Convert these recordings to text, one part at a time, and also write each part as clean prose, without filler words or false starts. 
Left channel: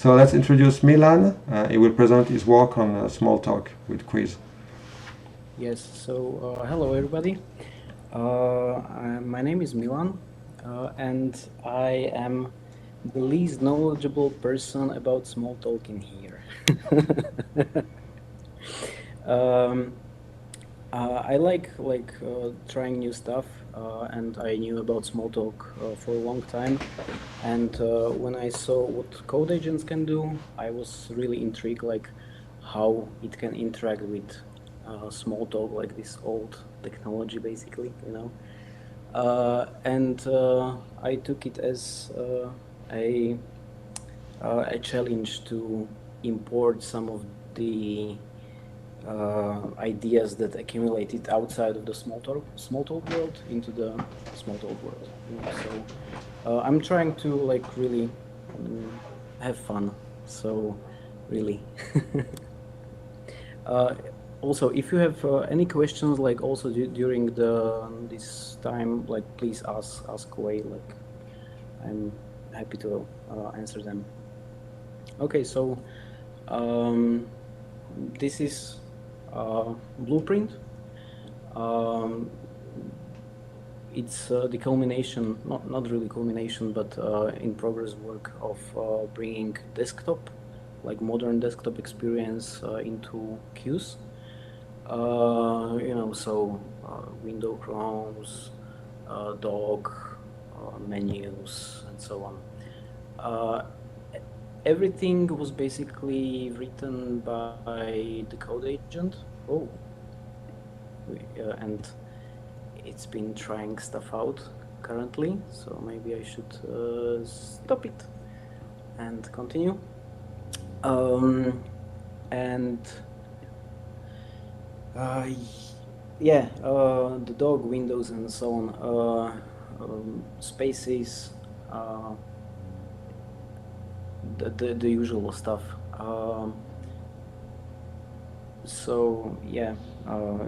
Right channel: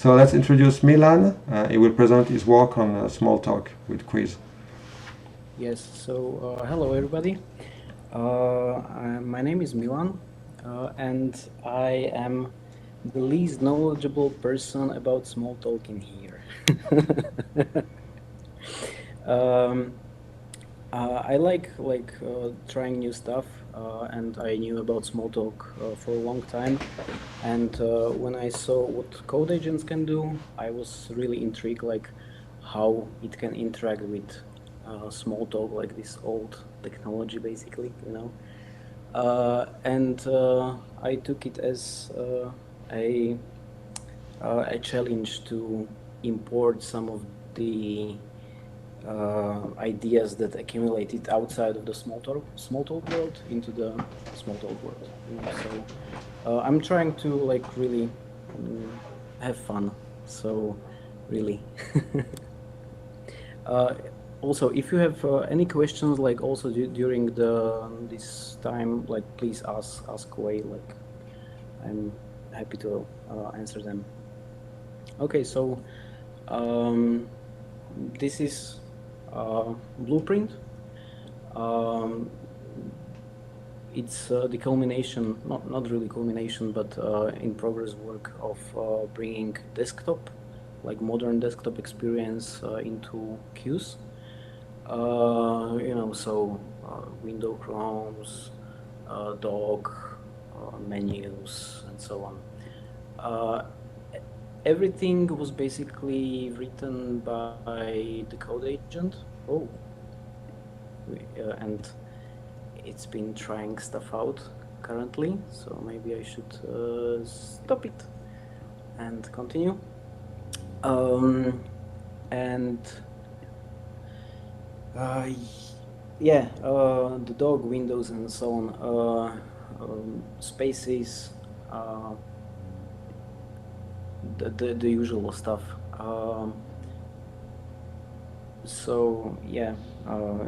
So let's introduce Milan. He will present his work on Smalltalk with Quiz. Yes, so hello everybody. My name is Milan, and I am the least knowledgeable person about Smalltalk in here. I like trying new stuff, and I knew about Smalltalk for a long time. And when I saw what code agents can do, I was really intrigued, like how it can interact with Smalltalk, like this old technology, basically, you know. And I took it as a challenge to import some of the ideas that accumulated outside of the Smalltalk world into the Smalltalk world. You know? So I'm trying to like really have fun. So really. Also, if you have any questions, like also during this time, like please ask away. Like I'm happy to answer them. Okay, so this is Blueprint. It's the culmination, not really culmination, but in progress work of bringing desktop, like modern desktop experience into Qs. You know, so window chromes, dog, menus, and so on. Everything was basically written by the code agent. Oh, and it's been trying stuff out currently, so maybe I should stop it and continue. And yeah, the dog, windows, and so on, spaces, the usual stuff. So yeah,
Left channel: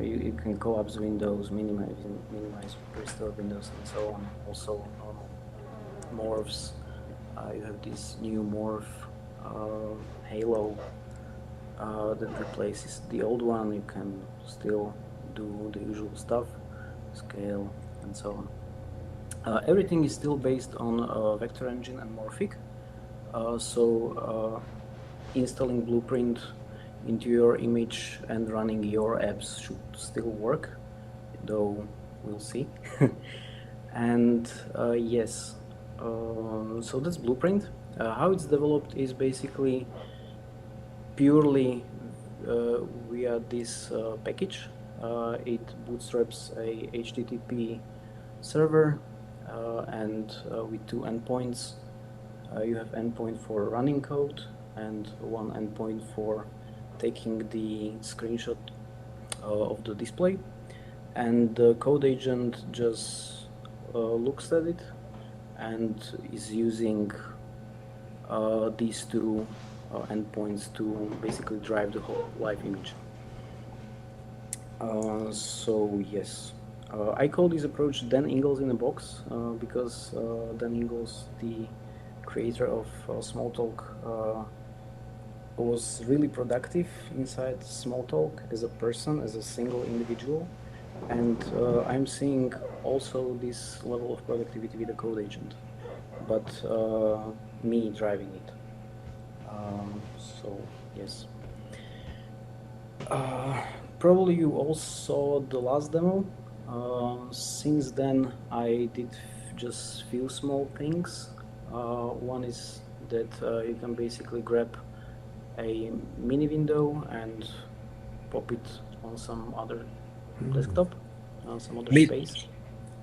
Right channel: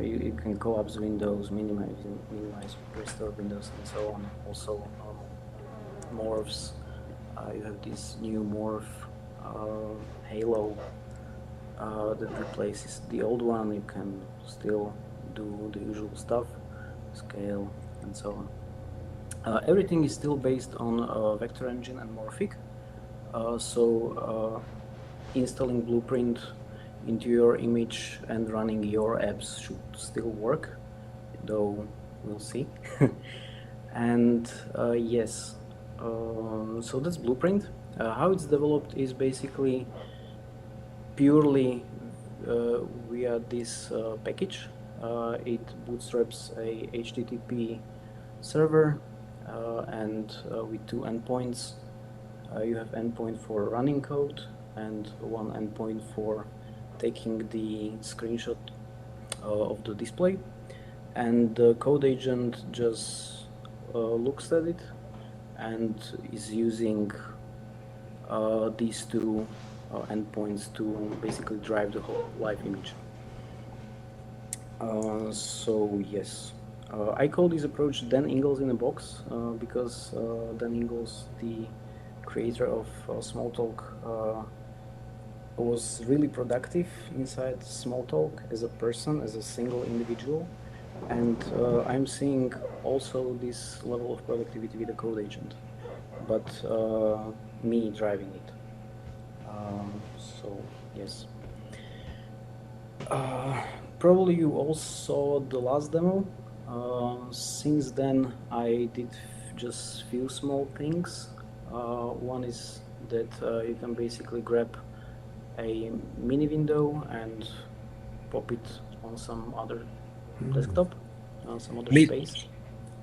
you can collapse windows, minimize restore windows, and so on. Also morphs. You have this new morph halo that replaces the old one. You can still do the usual stuff, scale, and so on. Everything is still based on vector engine and morphic. So installing Blueprint into your image and running your apps should still work, though we'll see. And yes, so that's Blueprint. How it's developed is basically purely via this package. It bootstraps a HTTP server and with two endpoints. You have endpoint for running code and one endpoint for taking the screenshot of the display, and the code agent just looks at it and is using these two endpoints to basically drive the whole live image. So yes, I call this approach Dan Ingalls in a box because Dan Ingalls, the creator of Smalltalk, was really productive inside Smalltalk as a person, as a single individual, and I'm seeing also this level of productivity with the code agent, but me driving it. So yes. Probably you all saw the last demo. Since then I did just few small things. One is that you can basically grab a mini window and pop it on some other desktop, on some other space.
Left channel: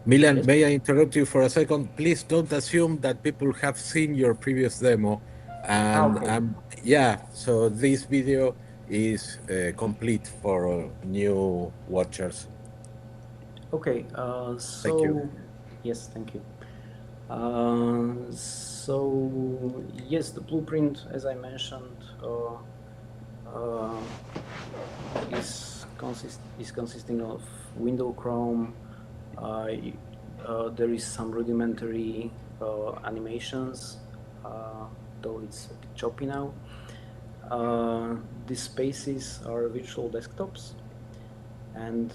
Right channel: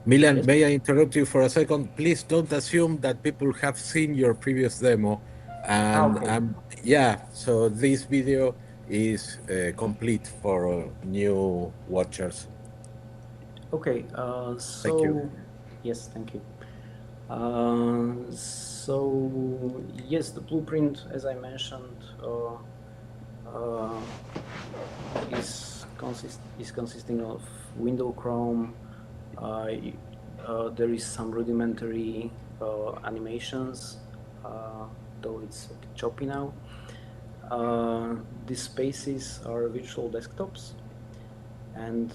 Milan, Yes? may I interrupt you for a second? Please don't assume that people have seen your previous demo. And Okay. yeah, so this video is complete for new watchers. Okay, Thank you. yes, thank you. So yes, the blueprint, as I mentioned, is consisting of window Chrome. There is some rudimentary animations though it's a bit choppy now. These spaces are virtual desktops, and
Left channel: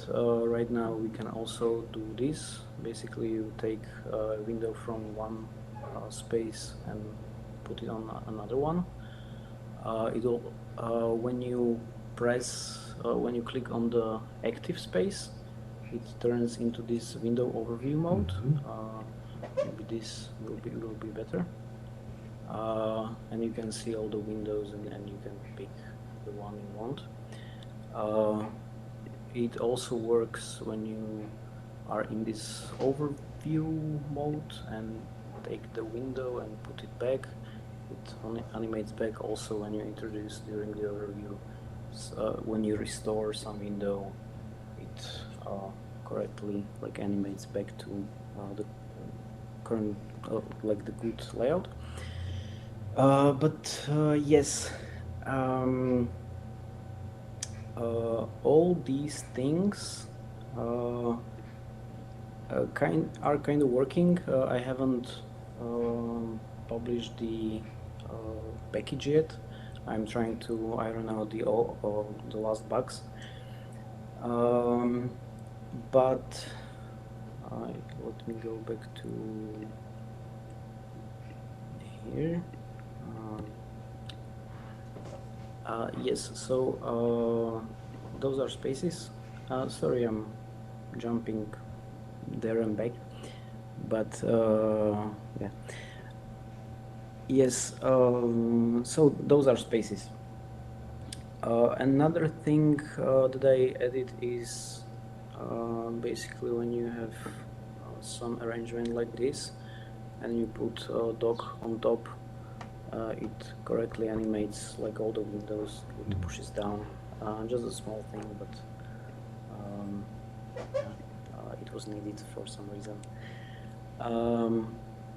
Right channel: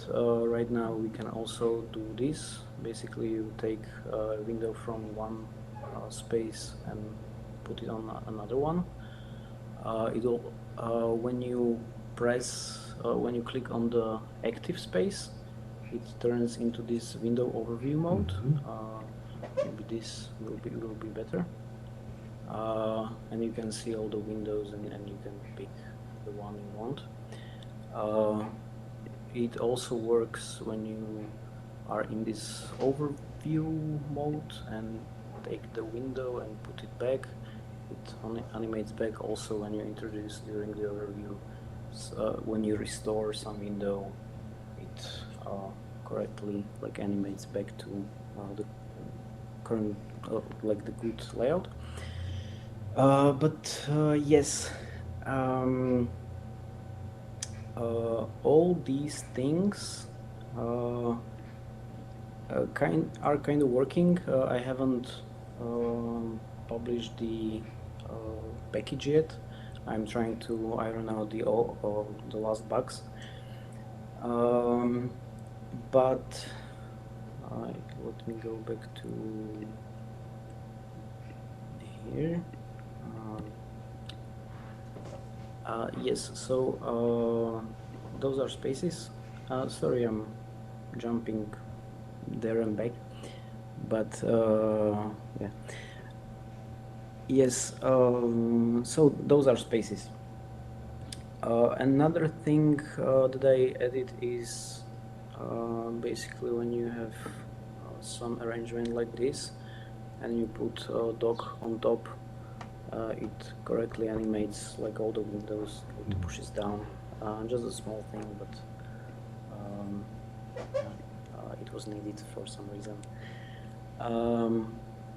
right now we can also do this. Basically, you take a window from one space and put it on another one. When you when you click on the active space, it turns into this window overview mode. Maybe this will be better. And you can see all the windows, and you can pick the one you want. It also works when you are in this overview mode and take the window and put it back. It animates back also when you introduce during the overview. So, when you restore some window, it correctly animates back to the current the good layout. But yes, all these things are kind of working. I haven't published the package yet. I'm trying to iron out the last bugs. But let me go back to here. Yes, so those are spaces. Sorry, I'm jumping there and back, but yeah. Yes, so those are spaces. Another thing that I edit is basically when you have some arrangement like this and you put a dock on top, it correctly animates all the windows. It pushes down. Just a small thing, but it was needed for some reason.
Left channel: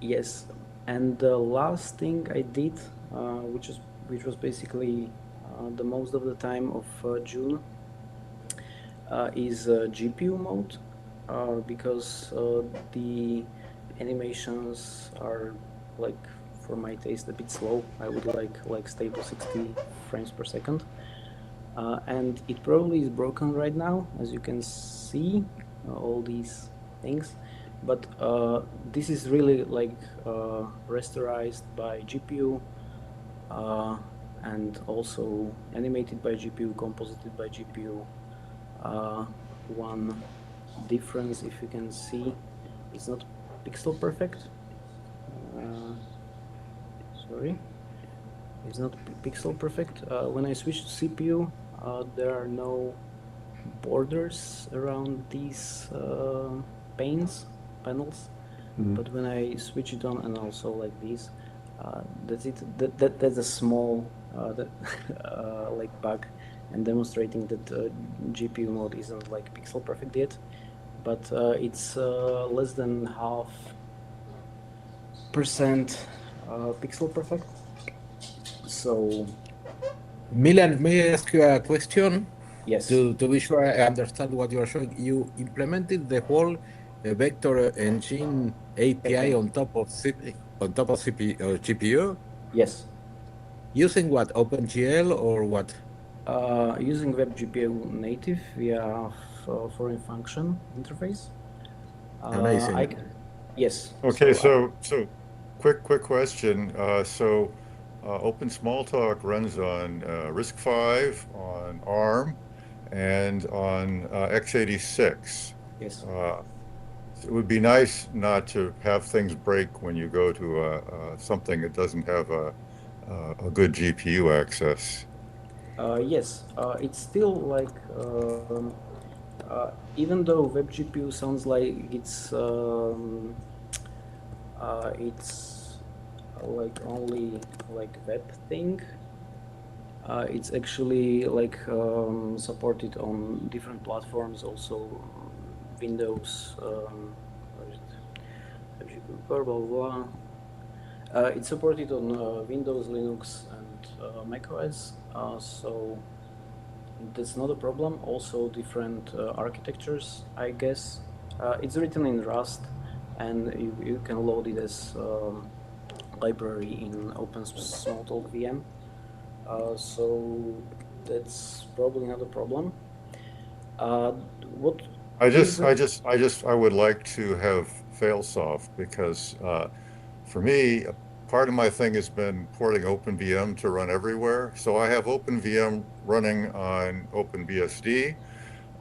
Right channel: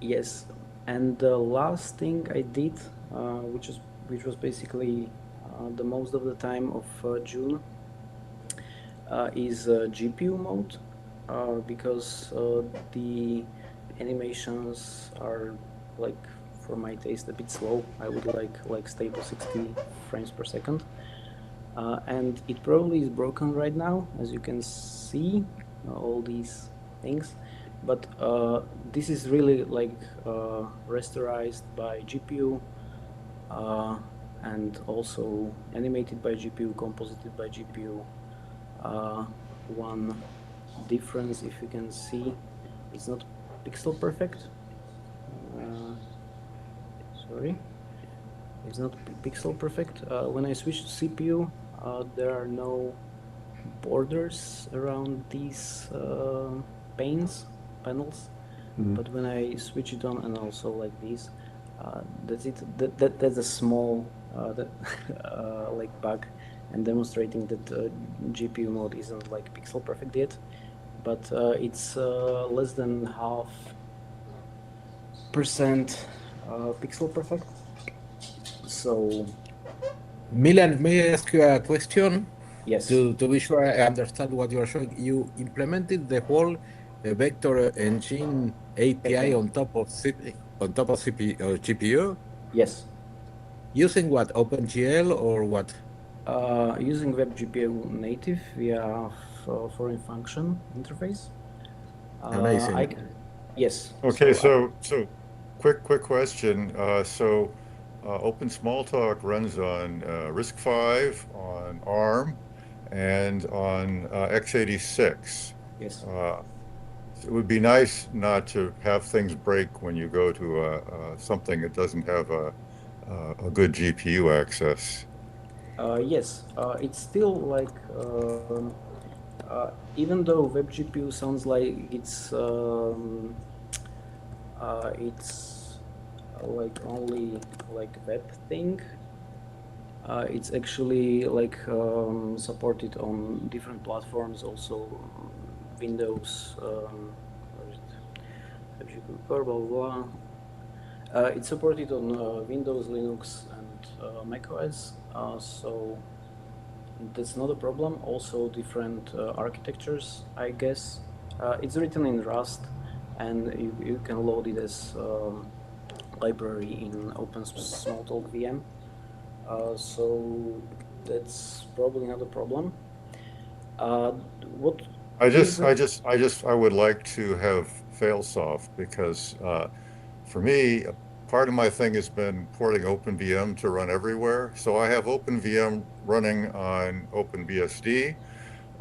Yes, and the last thing I did, which was basically the most of the time of June, is GPU mode, because the animations are for my taste a bit slow. I would like stay to 60 frames per second, and it probably is broken right now, as you can see, all these things. But this is really rasterized by GPU, and also animated by GPU, composited by GPU. One difference, if you can see, it's not pixel perfect. Sorry, it's not pixel perfect. When I switch to CPU, there are no borders around these panels. But when I switch it on, and also like this, that's it. That's a small bug, and demonstrating that GPU mode isn't pixel perfect yet, but it's less than 0.5% pixel perfect. So, Milan, may I ask you a question? yes. To be sure I understand what you're showing, you implemented the whole vector engine API on top of GPU? Yes. Using what, OpenGL or what? Using WebGPU native via foreign function interface. Amazing. Yes. Okay, so quick question. Cuis-Smalltalk runs on RISC-V, on ARM, and on x86. Yes. It would be nice not to have things break when you go to something that doesn't have a good GPU access. Yes, it's still even though WebGPU sounds like it's only web thing, it's actually supported on different platforms, also Windows, blah blah blah. It's supported on Windows, Linux, and macOS, so that's not a problem. Also different architectures, I guess. It's written in Rust, and you can load it as library in Smalltalk VM. So that's probably not a problem. What I is just, I just, I just, I would like to have fail-soft because for me, part of my thing has been porting OpenVM to run everywhere. So I have OpenVM running on OpenBSD,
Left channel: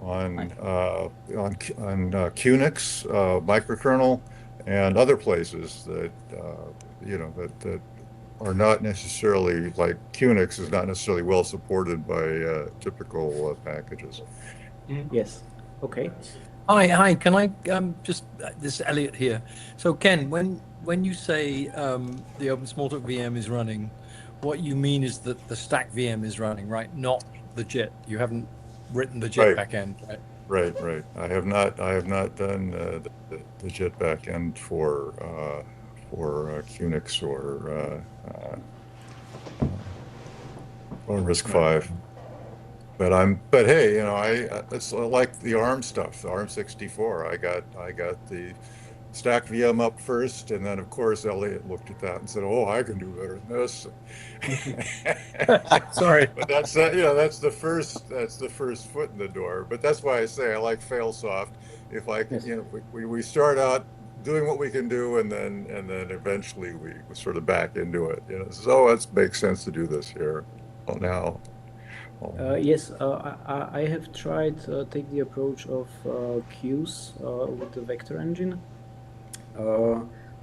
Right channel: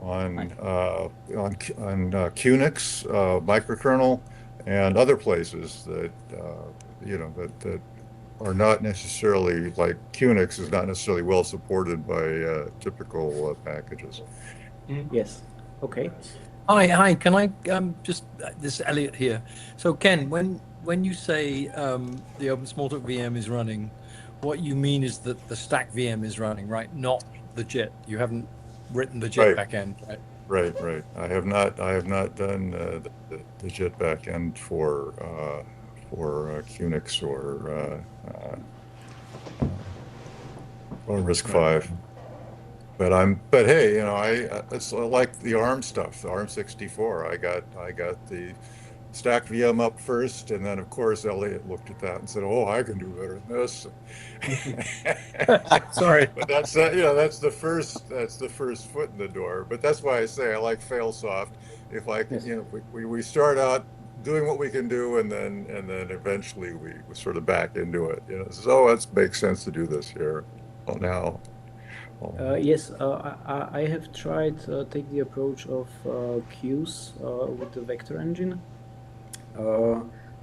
on Qnix microkernel, and other places that that are not necessarily like Qnix is not necessarily well supported by typical packages. Yes. Okay. Hi. Can I just this is Elliot here. So Ken, when you say the Open Smalltalk VM is running, what you mean is that the stack VM is running, right? Not the JIT. You haven't written the JIT Right, backend, right? right. I have not done the JIT backend for Qnix or RISC-V. But hey, it's like the ARM stuff, the ARM 64. I got the stack VM up first, and then of course Elliot looked at that and said, "Oh, I can do better than this." Sorry. But that's the first foot in the door. But that's why I say I like fail-soft. If I Yes. we start out doing what we can do, and then eventually we sort of back into it. So it makes sense to do this here. Well, now. Yes, I have tried take the approach of queues with the vector engine, uh,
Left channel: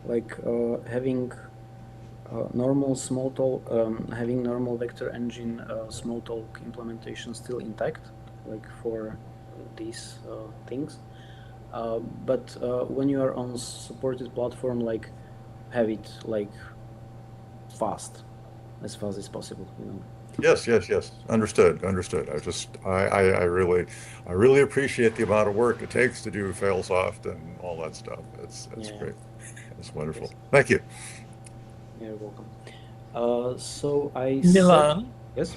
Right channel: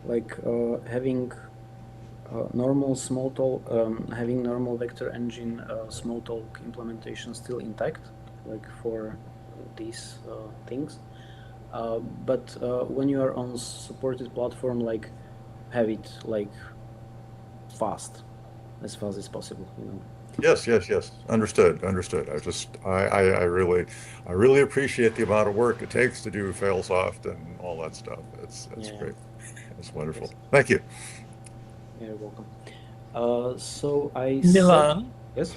like having having normal vector engine Smalltalk implementation still intact, like for these things. But when you are on supported platform, like have it like fast, as fast as possible. Yes. Understood. I really appreciate the amount of work it takes to do fail-soft and all that stuff. That's Yeah. great. It's wonderful. Thank you. You're welcome. So Milan, yes.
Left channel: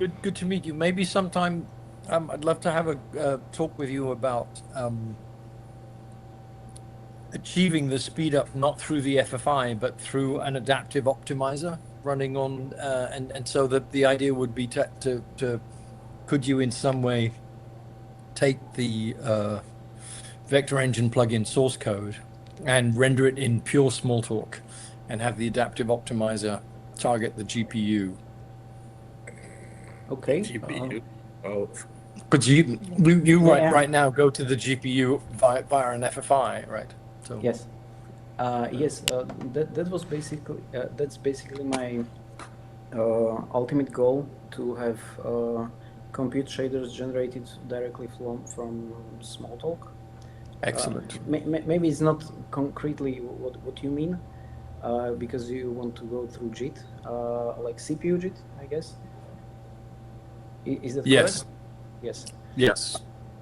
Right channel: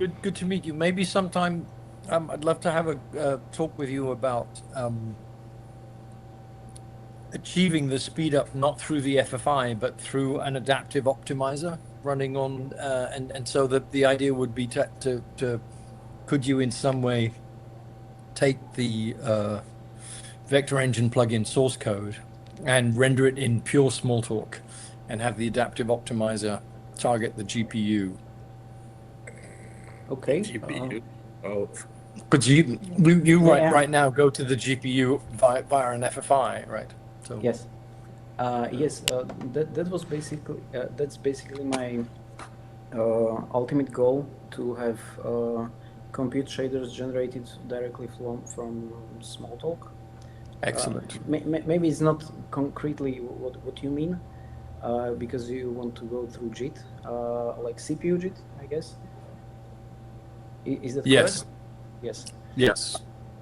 good to meet you. Maybe sometime I'd love to have a talk with you about achieving the speed up not through the FFI but through an adaptive optimizer running on and so the idea would be to could you in some way take the vector engine plugin source code and render it in pure Smalltalk and have the adaptive optimizer target the GPU. Okay. Because you Yeah. right now go to the GPU via an FFI, right? So Yes. Yes. That was basically that's basically my ultimate goal, to have compute shaders generated directly from Smalltalk. excellent. Maybe it's not concretely what you mean, because you want to go through JIT, like CPU JIT, I guess. Is that Yes. correct? Yes. Yes.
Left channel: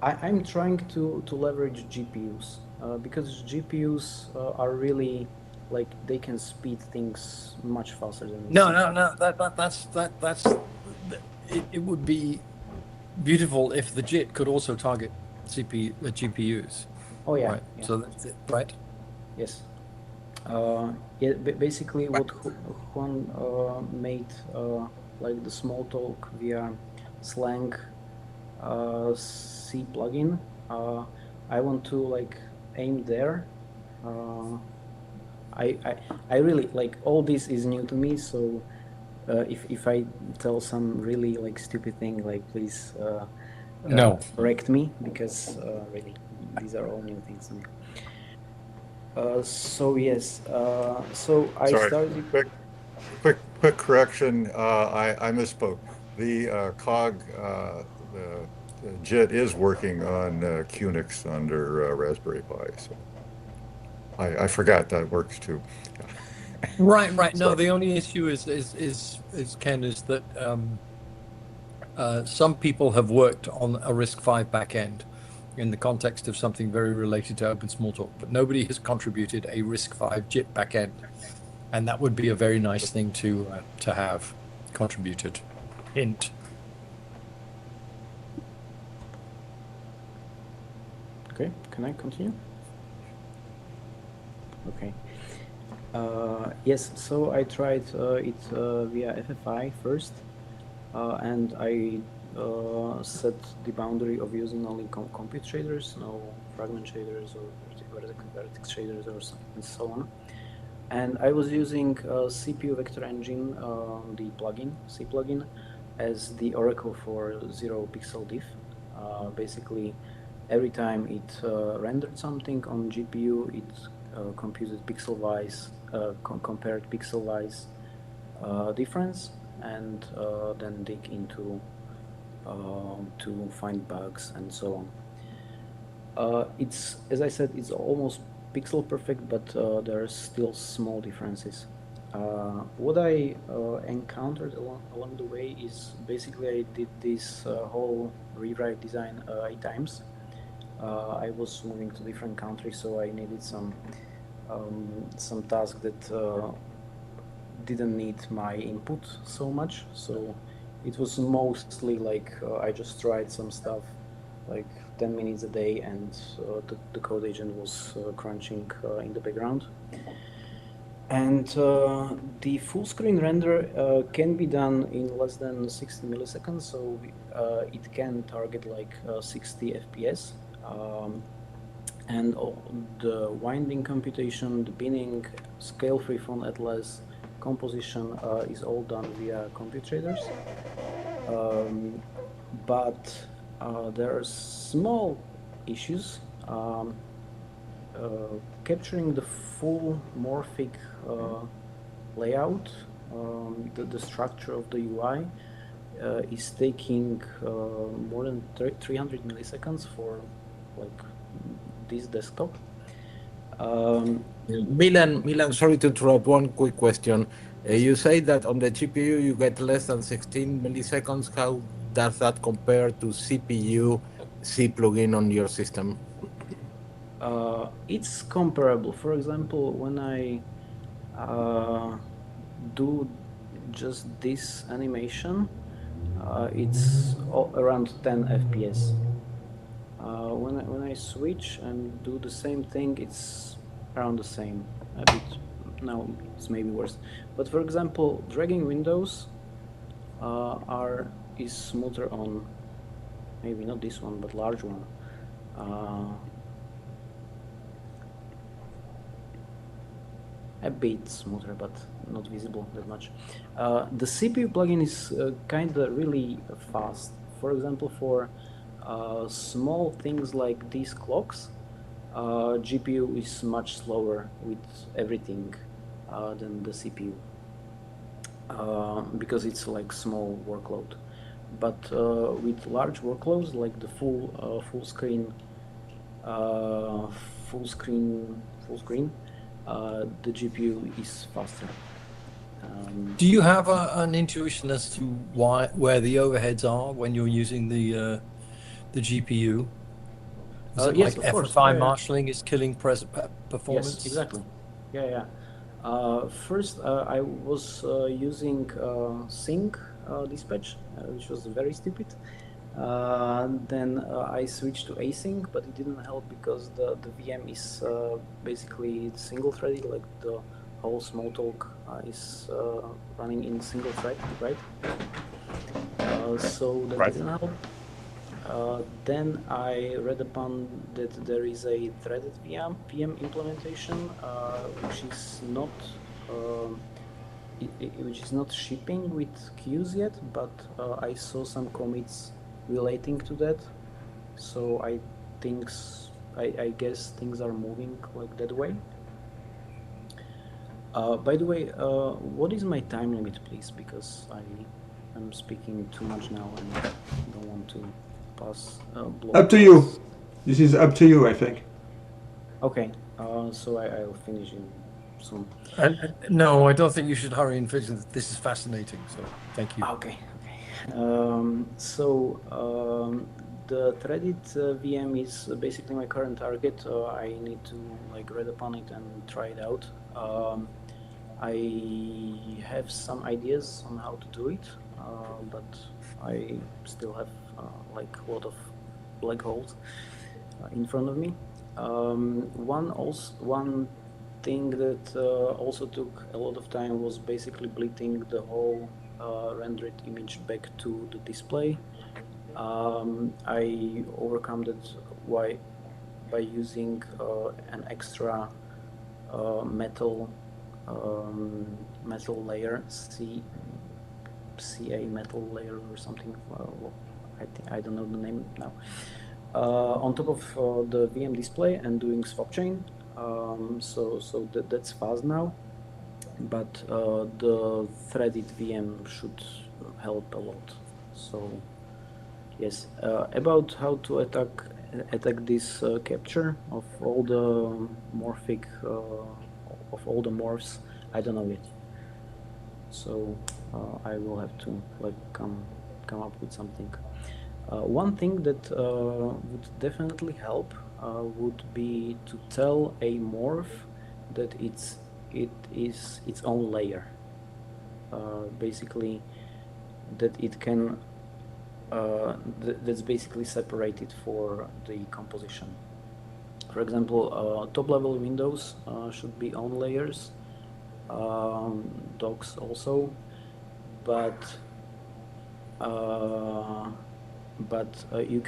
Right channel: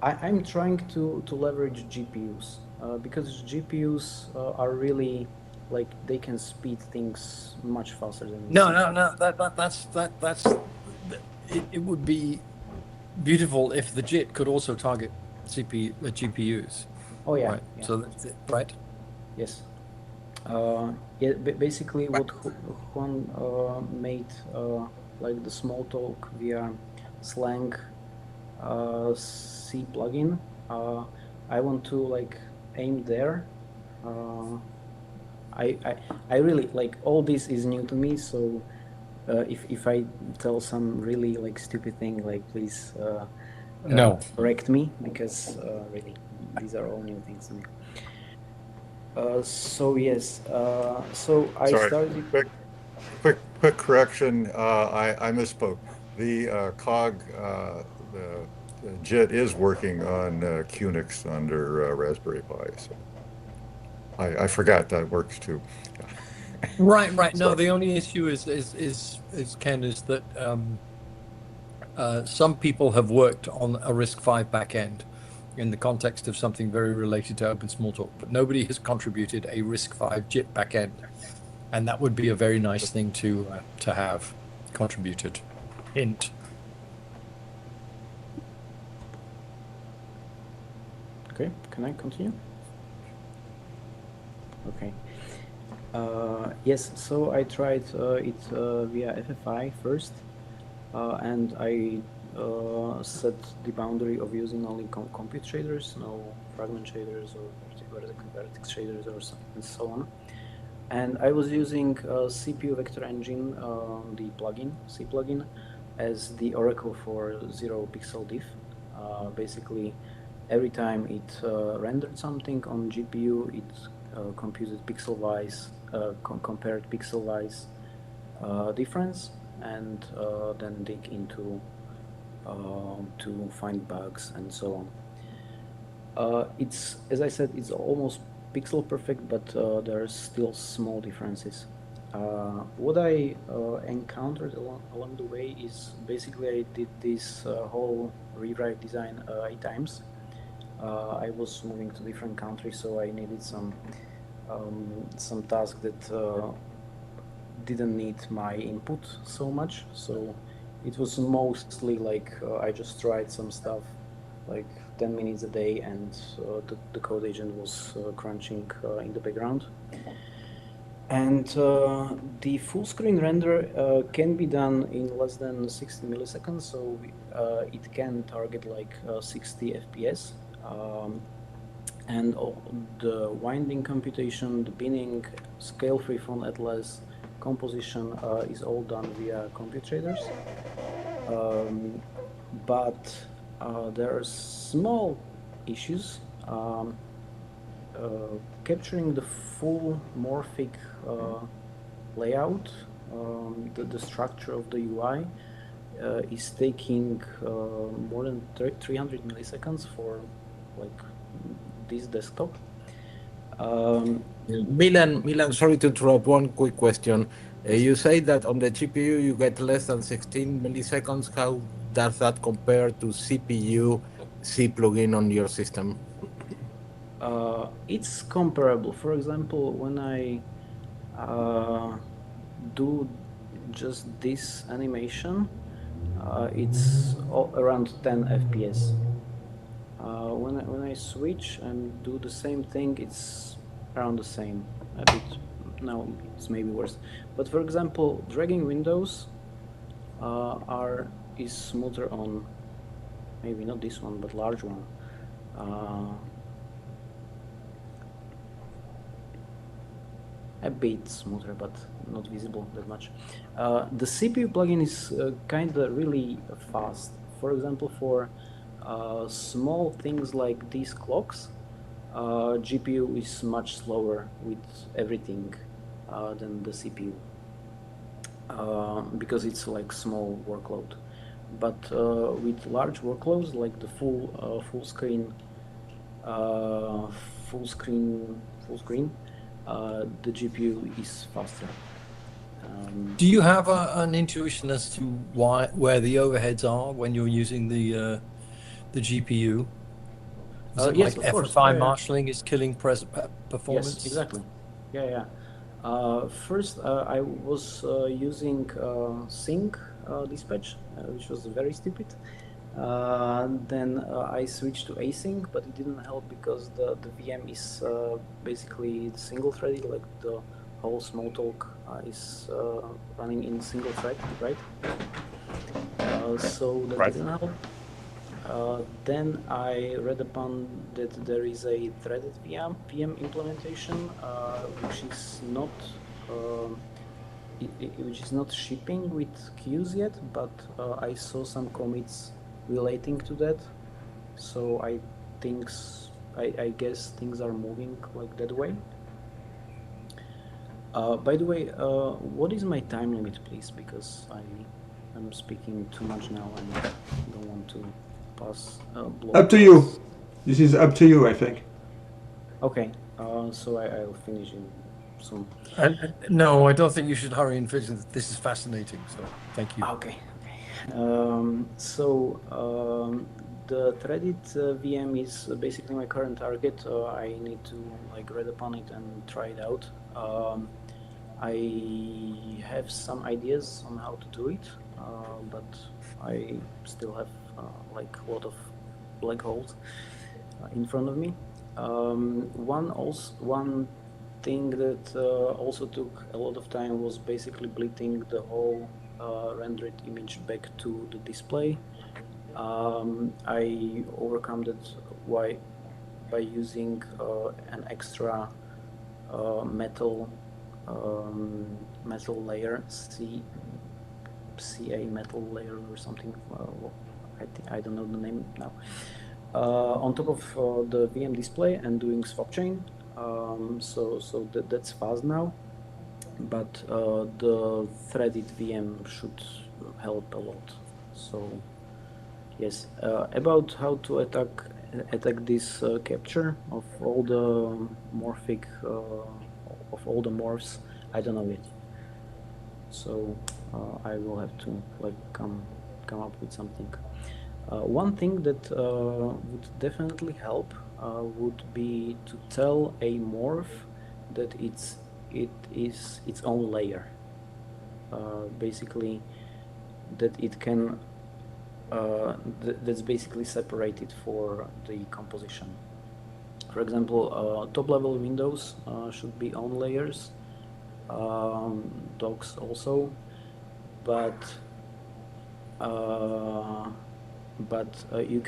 I'm trying to leverage GPUs because GPUs are really like they can speed things much faster than No. That's it would be beautiful if the JIT could also target the GPUs. Oh yeah. Right. Yeah. So right. Yes. Basically, what Juan made like the Smalltalk via Slang C plugin. I want to like aim there. I really like all this is new to me, so if I tell some really like stupid thing, like please No. correct me, because really these are all new things to me. So yes, so I Sorry. started. Quick correction. I misspoke. The COG, the JIT is working on Qnix under Raspberry Pi. So I forgot that works too. Right. No, Sorry. the only issue is Ken, is that some people have worked on a RISC-V backend in the context of something very related to Open Smalltalk, but nobody has contributed a RISC-V JIT backend, and that would be a very nice thing to have contributed. Hint. Okay, can I continue? Okay. Yes, so I tried it via FFI first, and I set the boundary of using only compute shaders, no fragment shaders or vertex shaders and so on. And I was using CPU Vector Engine, the plugin, C plugin, as the oracle for zero pixel diff. Basically, every time it rendered something on GPU, it computed pixel-wise, compared pixel-wise difference, and then dig into to find bugs and so on. It's, as I said, it's almost pixel perfect, but there are still small differences. What I encountered along the way is basically I did this whole rewrite design 8 times. I was moving to different countries, so I needed some tasks that didn't need my input so much. So it was mostly like I just tried some stuff like 10 minutes a day, and the code agent was crunching in the background. And the full screen render can be done in less than 60 milliseconds, so it can target like 60 FPS. And the winding computation, the binning, scale freeform atlas, composition is all done via compute shaders. But there are small issues. Capturing the full morphic layout, the structure of the UI is taking more than 300 milliseconds for like this desktop. Milan, sorry to interrupt. One quick question. You say that on the GPU you get less than 16 milliseconds. How does that compare to CPU C plugin on your system? It's comparable. For example, when I do just this animation, it's around 10 FPS. When I switch and do the same thing, it's around the same. No, it's maybe worse. But for example, dragging windows is smoother on, maybe not this one, but large one. A bit smoother, but not visible that much. The CPU plugin is kind of really fast. For example, for small things like these clocks, GPU is much slower with everything than the CPU because it's like small workload. But with large workloads like the full screen, the GPU is faster. Do you have an intuition as to where the overheads are when you're using the GPU? Is it yes, like of course. FFI marshalling is killing performance? Yes, exactly. Yeah. First, I was using sync dispatch, which was very stupid. Then I switched to async, but it didn't help because the VM is basically single-threaded, like the whole Smalltalk is running in single thread, right? So that didn't help. Then I read upon that there is a threaded VM implementation, which is not shipping with queues yet, but I saw some commits relating to that, so I guess things are moving like that way. By the way, what is my time limit, please? Because I am speaking too much now and I don't want to pass. Up to you. This is up to you, I think. Okay, so I will finish in soon. No, I don't think you should hurry and finish. This is fascinating. So thank you. Okay. The threaded VM is basically my current target. I need to read upon it and try it out. I have some ideas on how to do it, but I still have a lot of black holes in front of me. One thing that also took a lot of time was basically splitting the whole rendered image back to the display. I overcome that by using an extra metal layer, CA metal layer or something. I don't know the name now. On top of the VM display and doing swap chain. So that's fast now, but the threaded VM should help a lot. So yes, about how to attack this capture of all the morphs, I don't know yet. So I will have to come up with something. One thing that would definitely help would be to tell a morph that it is its own layer. Basically, that it can that's basically separated for the composition. For example, top-level windows should be own layers. Docs also, but you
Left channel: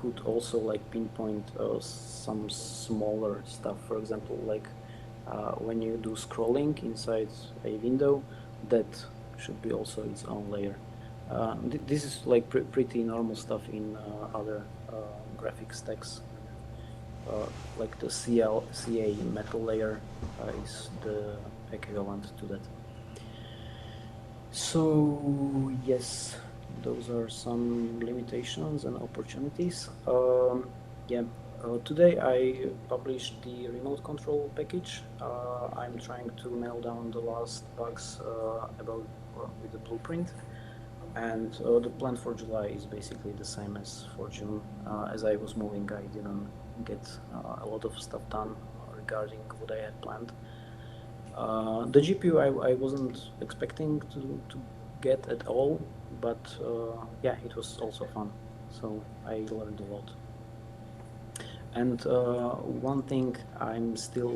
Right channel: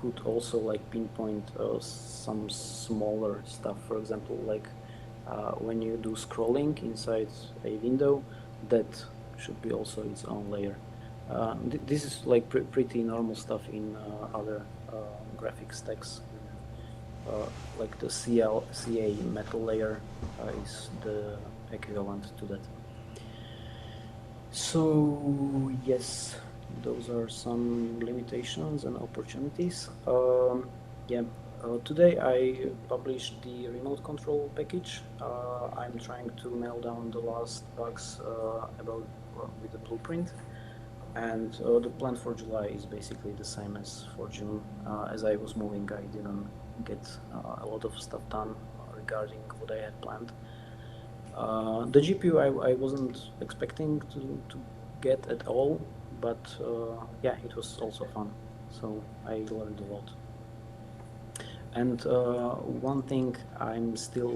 could also like pinpoint some smaller stuff. For example, like when you do scrolling inside a window, that should be also its own layer. This is like pretty normal stuff in other graphics stacks. Like the CA metal layer is the equivalent to that. So yes, those are some limitations and opportunities. Today I published the remote control package. I'm trying to nail down the last bugs about with the blueprint, and the plan for July is basically the same as for June. As I was moving, I didn't get a lot of stuff done regarding what I had planned. The GPU I wasn't expecting to get at all, but yeah, it was also fun, so I learned a lot. And one thing I still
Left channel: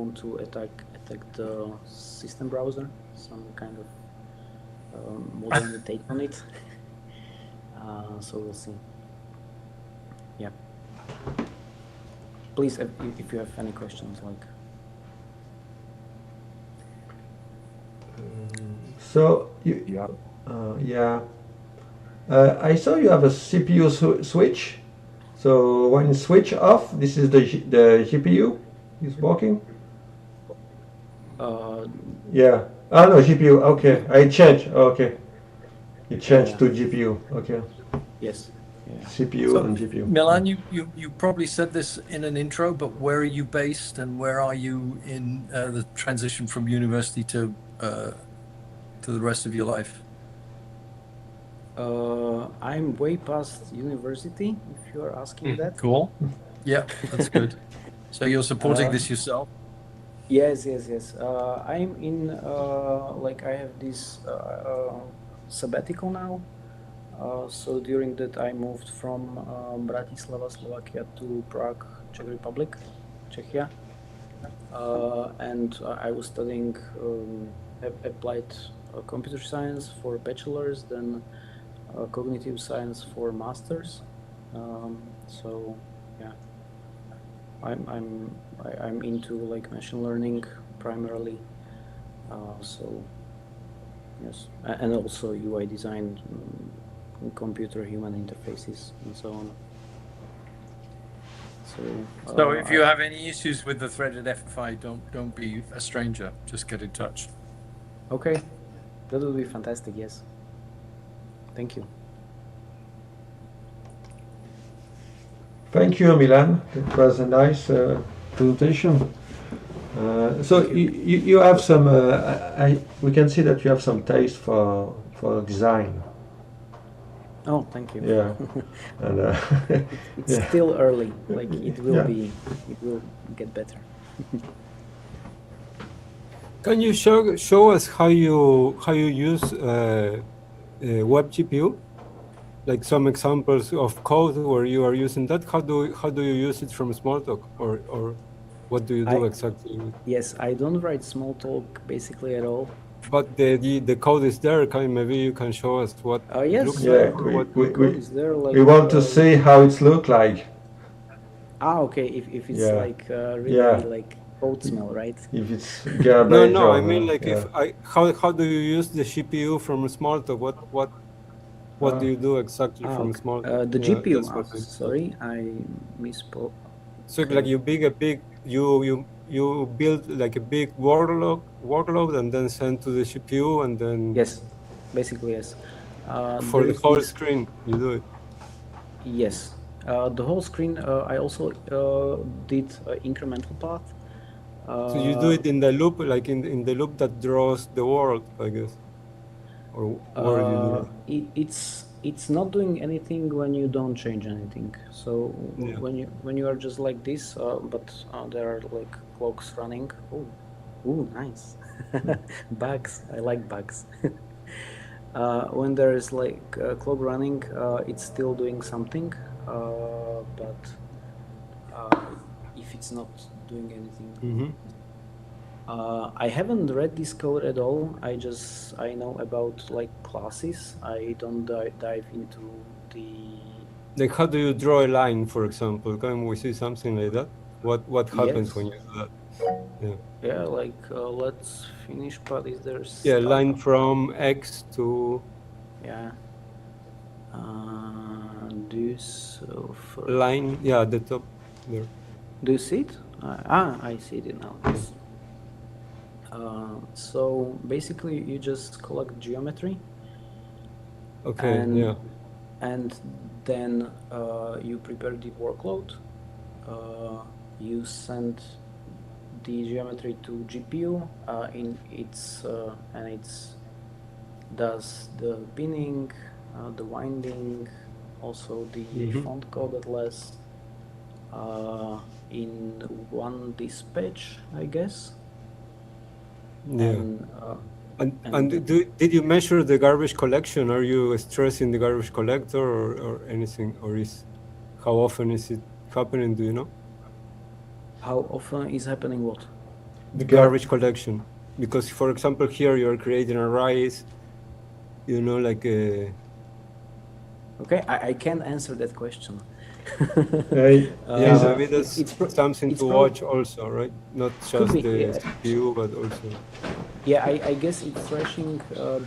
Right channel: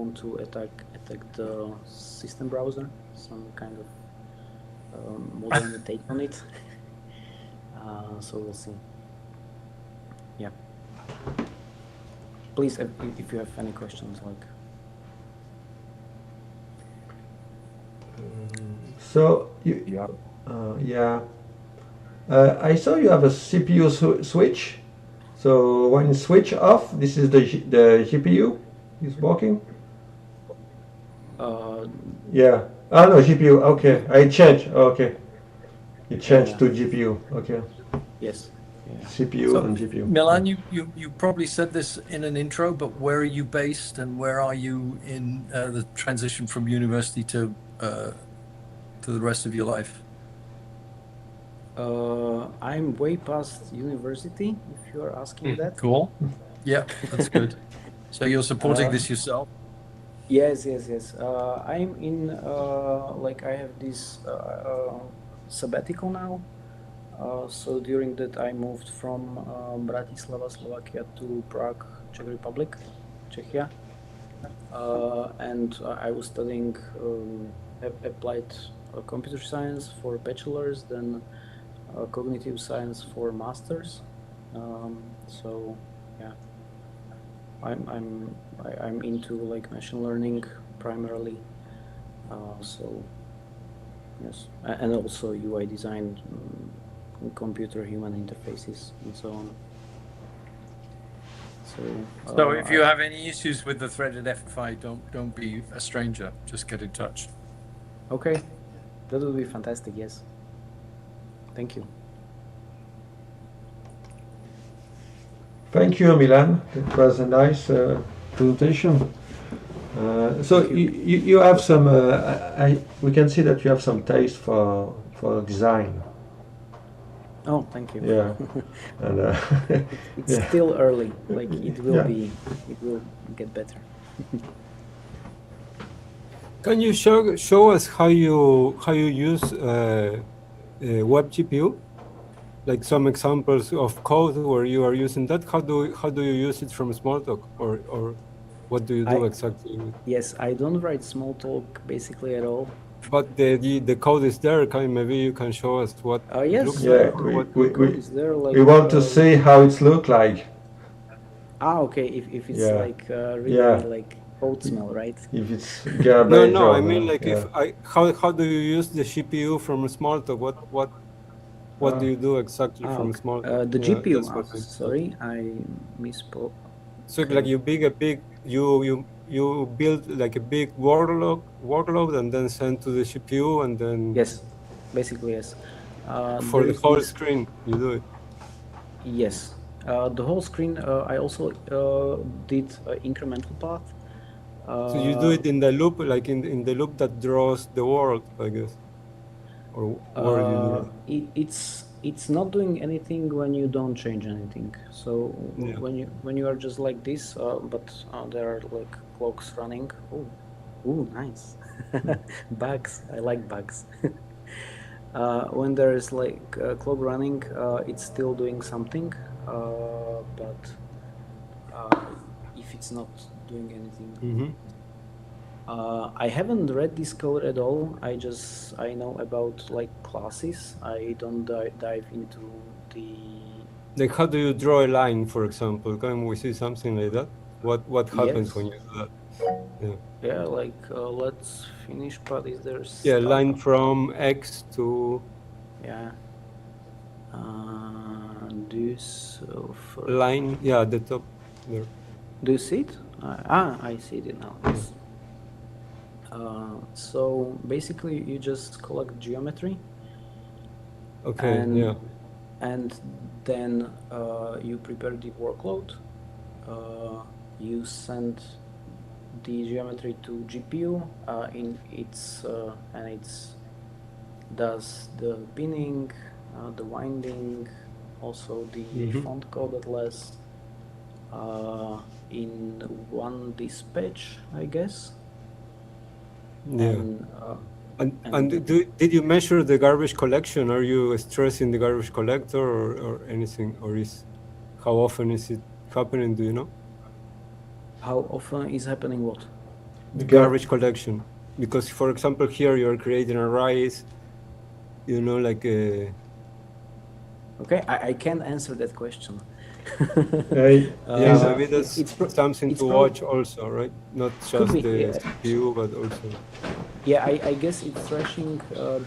want to attack the system browser, some kind of modern take on it. So we'll see. Yeah. Please, if you have any questions, like. So I saw you have a CPU switch. So when you switch off, this is the GPU is working. Yeah. Oh no, GPU. Okay, I changed. Okay, you changed to GPU. Okay. Yes. Yeah. CPU and GPU. Milan, you probably said this in an intro, but where are you based and where are you in the transition from university to the rest of your life? I'm way past university, if you are asking that. Cool. Yeah, that's good. So you're supporting this yourself? Yes. I'm in, I have this sabbatical now. So during that I moved from Bratislava, Slovakia to Prague, Czech Republic, Czechia. And I was studying applied computer science for bachelor's, then cognitive science for master's. So yeah, I'm into like machine learning primarily. So yes, and also UI design, computer-human interfaces, and so on. So if you have any issues with the threaded FFI, don't be a stranger. Just get in touch. Okay, that would be fantastic. Yes. Thank you. Thank you, Milan. It was a nice presentation. So you have some. We can see that you have some taste for design. Oh, thank you. Yeah, and it's still early. Like it will get better. Can you show us how you use web GPU? Like some examples of code where you are using that. How do you use it from Smalltalk, or What do you do exactly? Yes, I don't write Smalltalk basically at all. But the code is there. Maybe you can show us what it Yes. looks Yeah, like. Or what Is there like we want to see how it's look like. okay, if it's Yeah. like really Yeah. like oat smell, right? If it's garbage no, or I mean no. like Yeah. how do you use the CPU from Smalltalk? What do you do exactly from okay. Smalltalk? The Yeah, GPU. that's what I- Sorry, I misspoke. So like you build like a big workload and then send to the CPU and then Yes, basically yes. for there the is whole this- screen you do it. Yes, the whole screen. I also did incremental path. So you do it in the loop, like in the loop that draws the world, I guess. Or where you do it. It's not doing anything when you don't change anything. So Yeah. when you are just like this, but there are like clocks running. Ooh, nice. Bugs. I like bugs. When there is like a clock running, it's still doing something, but if it's not doing anything. Mm-hmm. I haven't read this code at all. I know about like classes. I don't dive into the. Like how do you draw a line, for example? Can we see something like that? What happens Yes. when you do that? Yeah, like let's finish. But is there? Yeah, stuff? line from X to Yeah. This line. Yeah, at the top. Yeah. Do you see it? I see it now. Yes. So basically, you just collect geometry. Okay. And, yeah. And then you prepare the workload. You send the geometry to GPU. In its and it's does the binning, the winding, also the font code at last. In one dispatch, I guess. Yeah. And did you measure the garbage collection? Are you stressing the garbage collector or anything? Or how often is it happening? Do you know? How often is happening what? The garbage collection. Because, for example, here you're creating arrays, like a... Okay, I can't answer that question. Maybe that's something to watch also, right? Not just the CPU, but also... Yeah, I guess it's flashing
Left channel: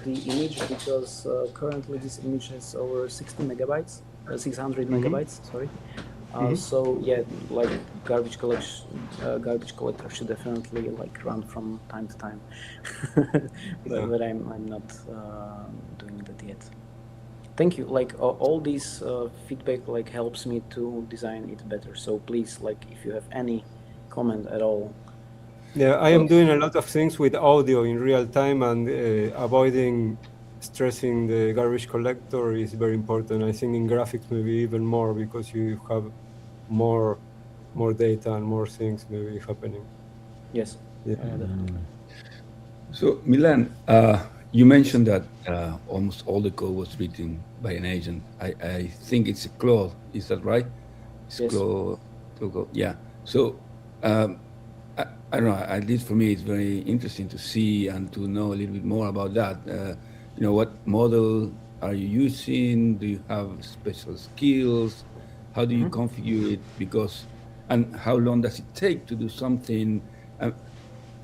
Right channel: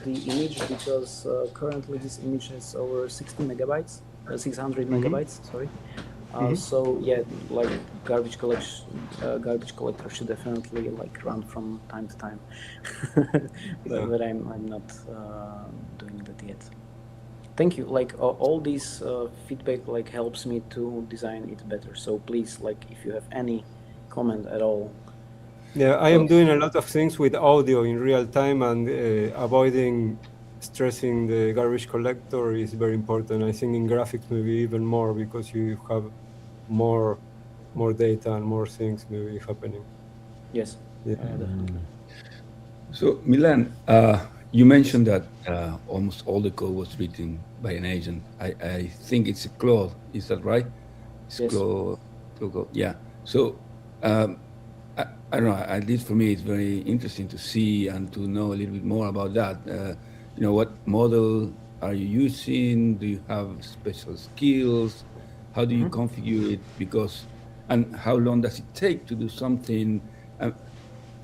the image because currently this image is over 60 megabytes, 600 megabytes, sorry. So yeah, like garbage collector should definitely like run from time to time. But I'm not doing that yet. Thank you. Like all this feedback like helps me to design it better. So please, like if you have any comment at all. Yeah, I am doing a lot of things with audio in real time, and avoiding stressing the garbage collector is very important. I think in graphics maybe even more because you have more data and more things maybe happening. Yes. Yeah. So Milan, you mentioned that almost all the code was written by an agent. I think it's a Claude. Is that right? It's Yes. Claude. Yeah. So I don't know. At least for me, it's very interesting to see and to know a little bit more about that. What model are you using? Do you have special skills? How do you configure it? And how long does it take to do something?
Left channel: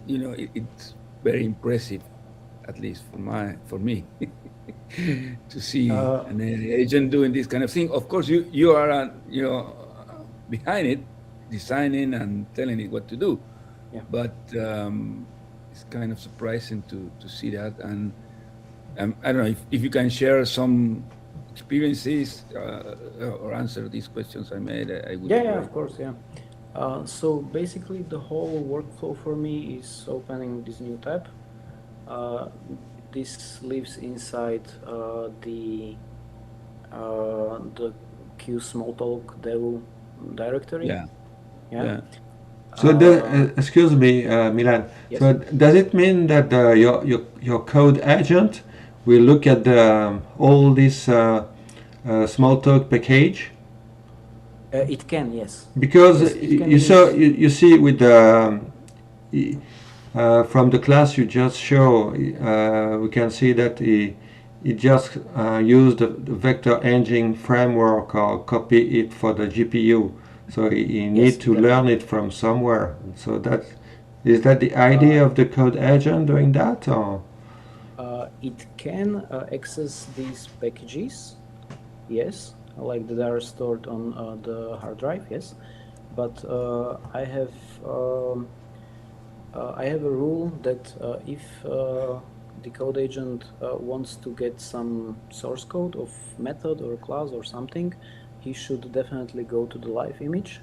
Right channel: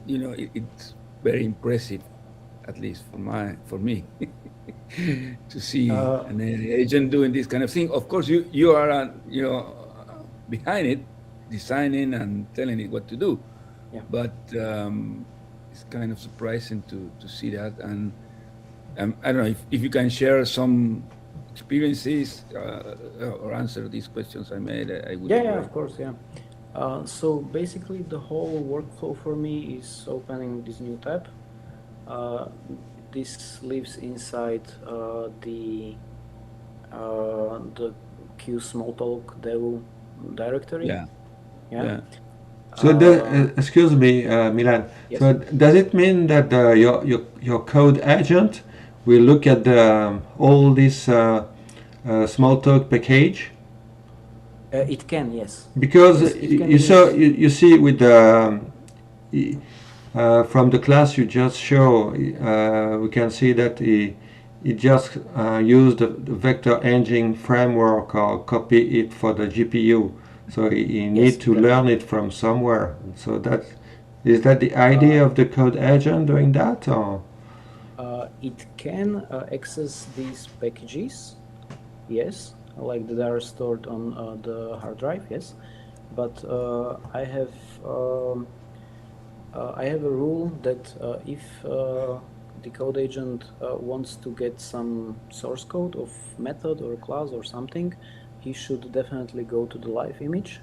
It's very impressive, at least for me, to see an agent doing this kind of thing. Of course, you are behind it, designing and telling it what to do. Yeah. But it's kind of surprising to see that. And I don't know if you can share some experiences or answer these questions I made. I would. Yeah, of course, yeah. So basically, the whole workflow for me is opening this new tab. This lives inside the Cuis-Smalltalk dev directory. Yeah. So, excuse me, Milan. Yes. So, does it mean that your code agent will look at all this Smalltalk package? It can, yes. Because Yes, it can you be. saw you see with the from the class you just show, we can see that he just used the vector engine framework or copy it for the GPU. So he need to learn it from somewhere. So that is that the idea of the code agent doing that, or? It can access these packages, yes, like that are stored on the hard drive, yes. But I have a rule that if the code agent wants to get some source code of method or class or something, he should definitely go to the live image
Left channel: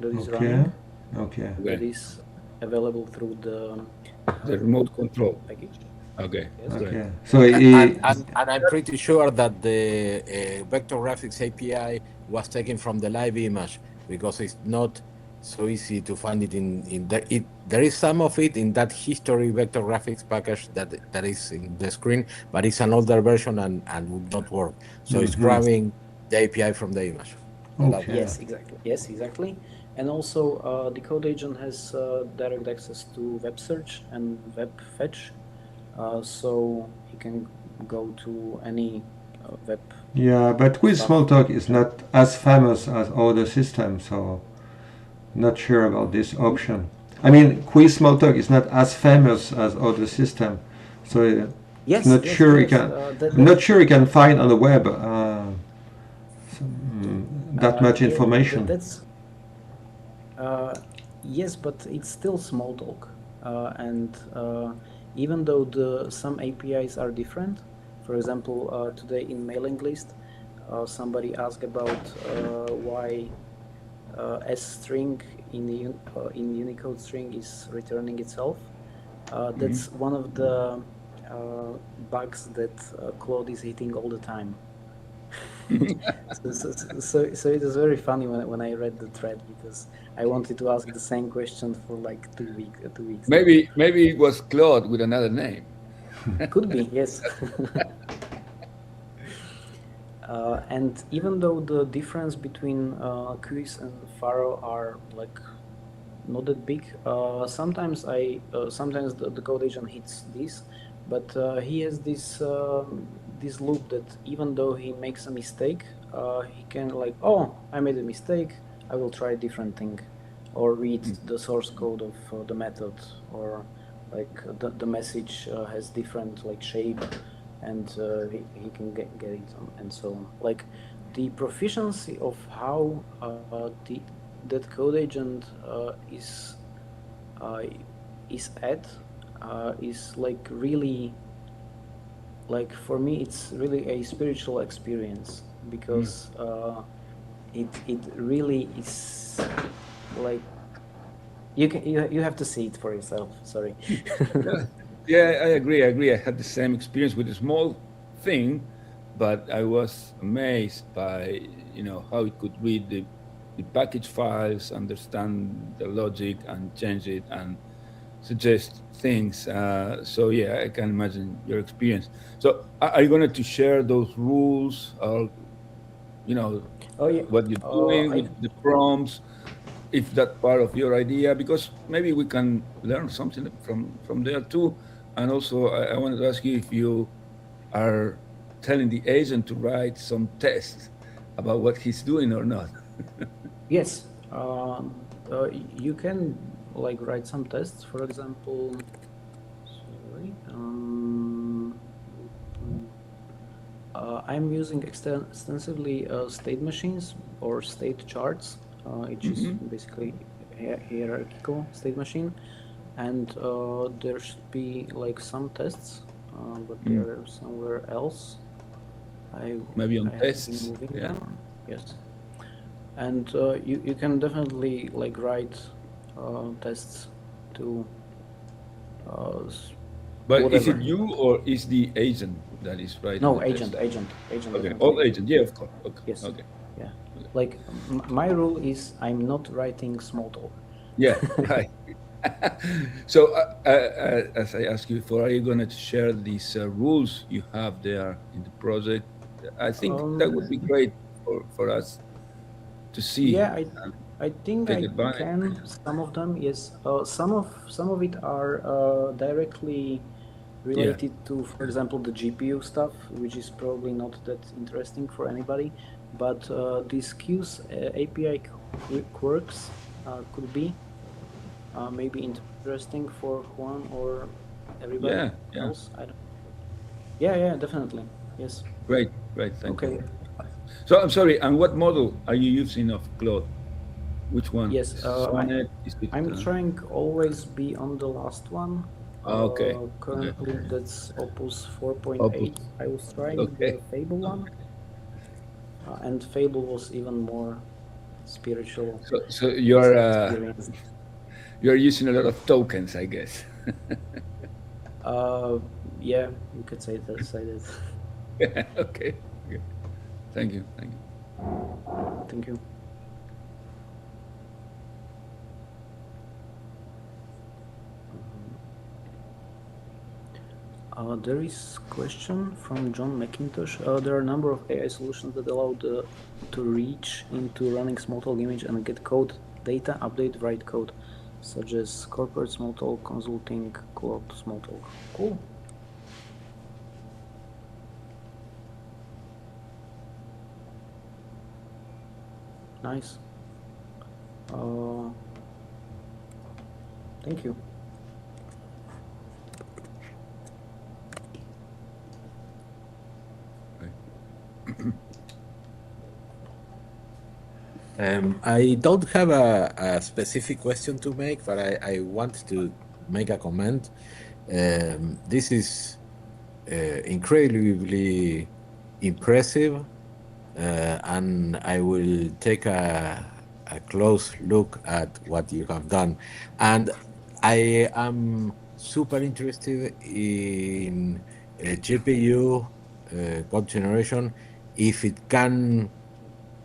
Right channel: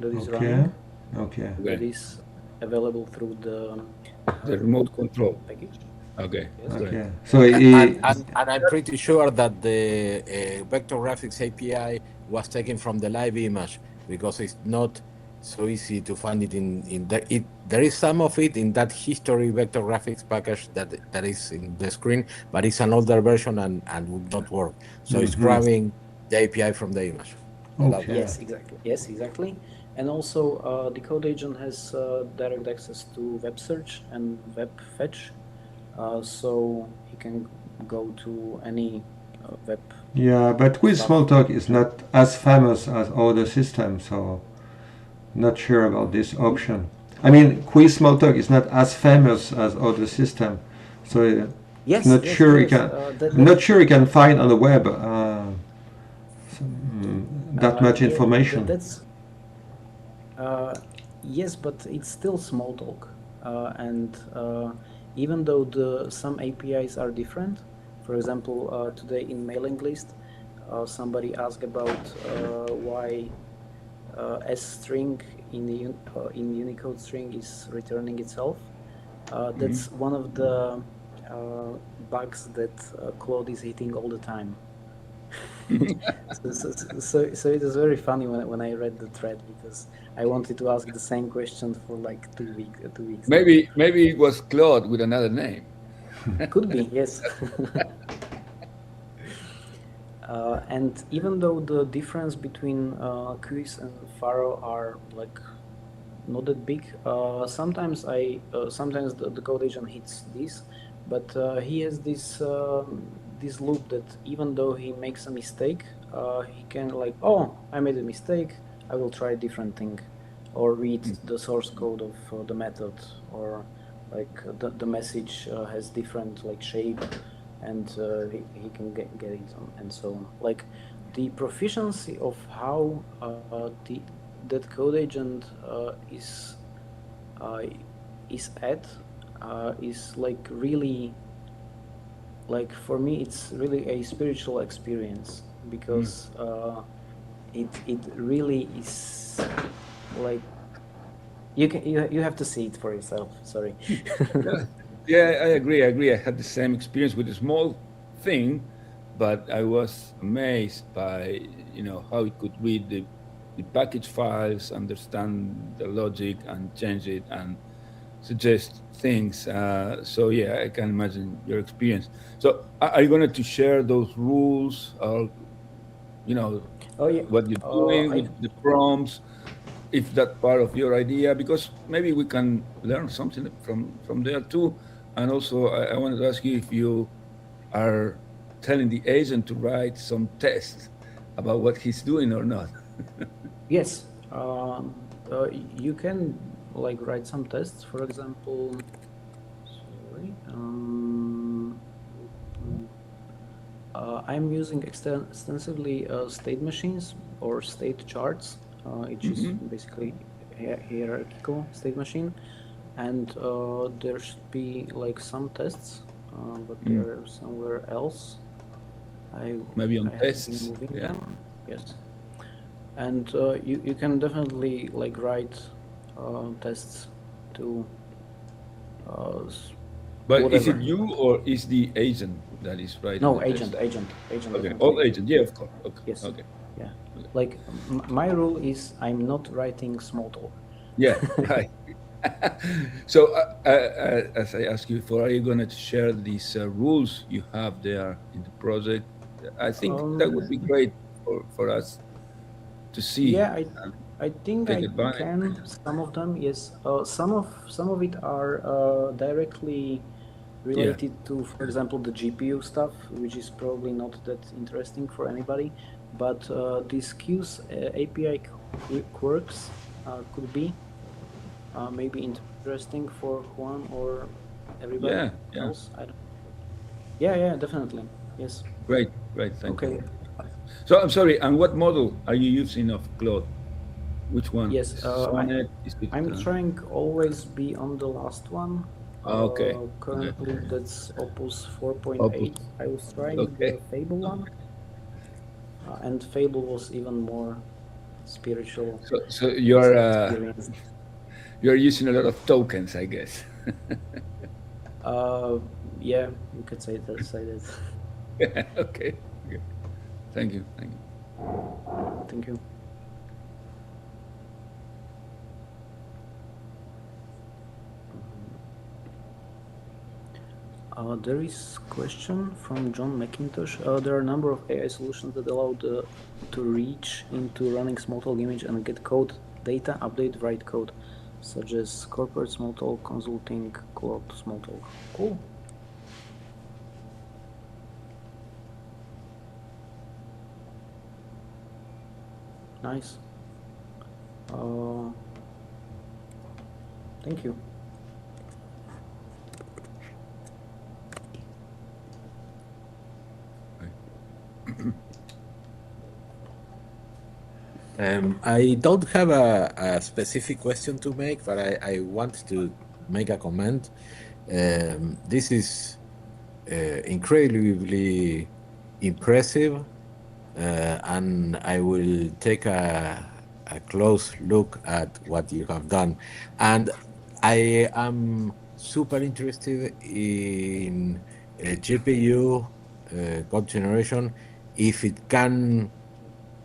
that is Okay, running, okay, that is available through The remote control. package. Okay. okay. So he, And I'm pretty sure that the vector graphics API was taken from the live image because it's not so easy to find it in the it. There is some of it in that history vector graphics package that is in the screen, but it's an older version and would not work. So it's grabbing the API from the image. okay. Yes, exactly. Yes, exactly. And also, the code agent has direct access to web search and web fetch, so you can go to any web. Yeah, but Cuis-Smalltalk is not as famous as other systems, so not sure about this option. I mean, Cuis-Smalltalk is not as famous as other system, so Yes, not yes, sure you yes, can. I'm not sure you can find on the web that much information. That's yes, but it's still Smalltalk, and even though some APIs are different, for example, today in mailing list, somebody asked about why S string in Unicode string is returning itself. That's one of the bugs that Claude is hitting all the time. So it is very funny when I read the thread, because I wanted to ask the same question for like 2 weeks. Maybe it was Claude with another name. Could be, yes. And even though the difference between Cuis and Faro are like not that big, sometimes the code agent hits this, but he has this loop that even though he makes a mistake, he can like, oh, I made a mistake, I will try a different thing, or read the source code of the method, or like the message has different like shape, and he can get it and so on. Like the proficiency of how that code agent is at is like really, like for me it's really a spiritual experience, because it really is like you have to see it for yourself. Sorry. Yeah, I agree. I had the same experience with a small thing, but I was amazed by how it could read the package files, understand the logic, and change it and suggest things. So yeah, I can imagine your experience. So are you going to share those rules, or Oh yeah. what you're doing with the prompts, if that part of your idea, because maybe we can learn something from there too. And also, I wanted to ask you if you are telling the agent to write some tests about what he's doing or not. Yes. You can like write some tests, for example. Sorry. I'm using extensively state machines or state charts, which is basically hierarchical state machine, and there should be like some tests, but they're somewhere else. Maybe on I have tests. been moving Yeah. them. Yes, and you can definitely like write tests to. But is it Whatever. you, or is the agent that is writing? No, the agent. test? Okay. Definitely. All agent. Yeah, of course. Okay. Yes. Okay. Yeah. Like my rule is I'm not writing Smalltalk. Yeah. Right. So, as I asked you before, are you going to share these rules you have there in the project? I think that would be great for us. to see. Yeah, I think Take I advantage. can some of them. Yes, some of it are directly related to, for example, the GPU stuff, which is probably not that interesting for anybody. But these Q's API quirks could be maybe interesting for Juan or everybody Yeah. else. I don't. Yeah, definitely. Yes. Great. Thank Okay. you. So I'm sorry. And what model are you using of Claude? Which one? Yes. Sonnet? Is it, I'm trying always be on the last one. okay. Currently, that's Opus 4.8. Opus. I was trying Okay. the Fable one, and Fable was even more spiritual So you're experience. you're using a lot of tokens, I guess. Yeah, you could say that. Okay. Thank you. Thank you. There is question from John McIntosh. There are a number of AI solutions that allow to reach into running Smalltalk image and get code data, update, write code, such as corporate Smalltalk, consulting, co-op Smalltalk. Cool. Nice. Thank you. I don't have a specific question to make, but I want to make a comment. This is incredibly impressive, and I will take a close look at what you have done. And I am super interested in GPU code generation if it can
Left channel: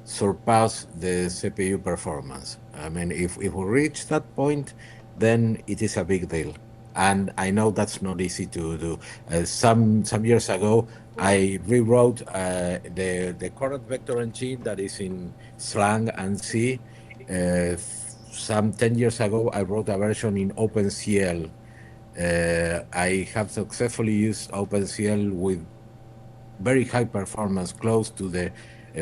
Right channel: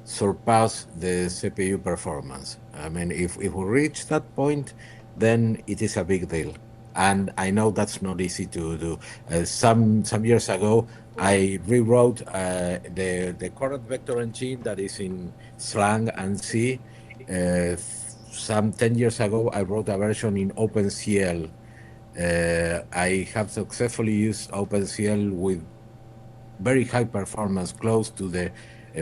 surpass the CPU performance. I mean, if we reach that point, then it is a big deal. And I know that's not easy to do. Some years ago, I rewrote the current vector engine that is in Slang and C. Some 10 years ago, I wrote a version in OpenCL. I have successfully used OpenCL with very high performance, close to the